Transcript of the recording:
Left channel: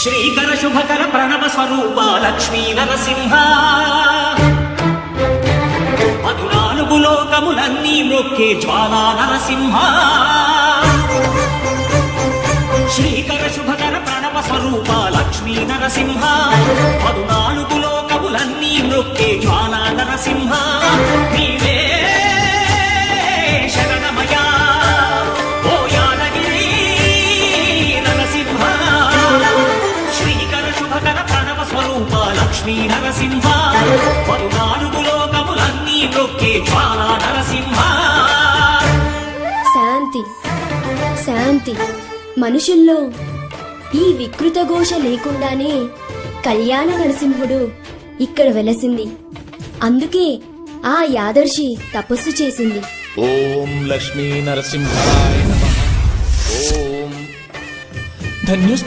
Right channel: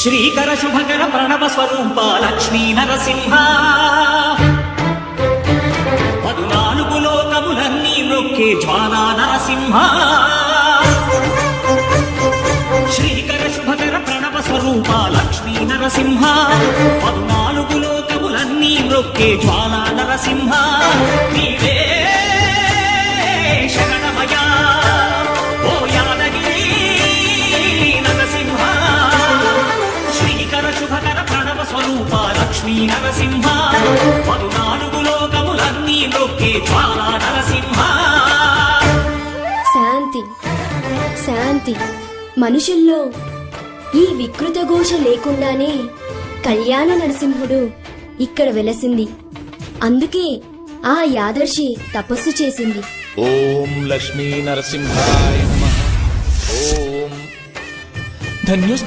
శ్రీకర శుభకర ప్రణవ స్వరూప లక్ష్మీ నరసింహ 14 లోకములన్నీ మ్రొక్కే జ్వాలా నరసింహ శ్రీకర శుభకర ప్రణవ స్వరూప లక్ష్మీ నరసింహ 14 లోకములన్నీ మ్రొక్కే జ్వాలా నరసింహ నీవే శరణమయా ఓ యాదగిరి నరసింహ శ్రీకర శుభకర ప్రణవ స్వరూప లక్ష్మీ నరసింహ 14 లోకములన్నీ మ్రొక్కే జ్వాలా నరసింహ. శాంతి శాంతి. మనుషుల్లో ఈ వికృత ఘోష లేకుండానే కళ్యాణ నరసింహుడు ఇక్కడ వెలసింది. అందుకే ఆ యాదర్శి తపస్సు చేసింది. ఓం లక్ష్మీ నరసింహాయ నమః. ఓం ధన్యోస్మి.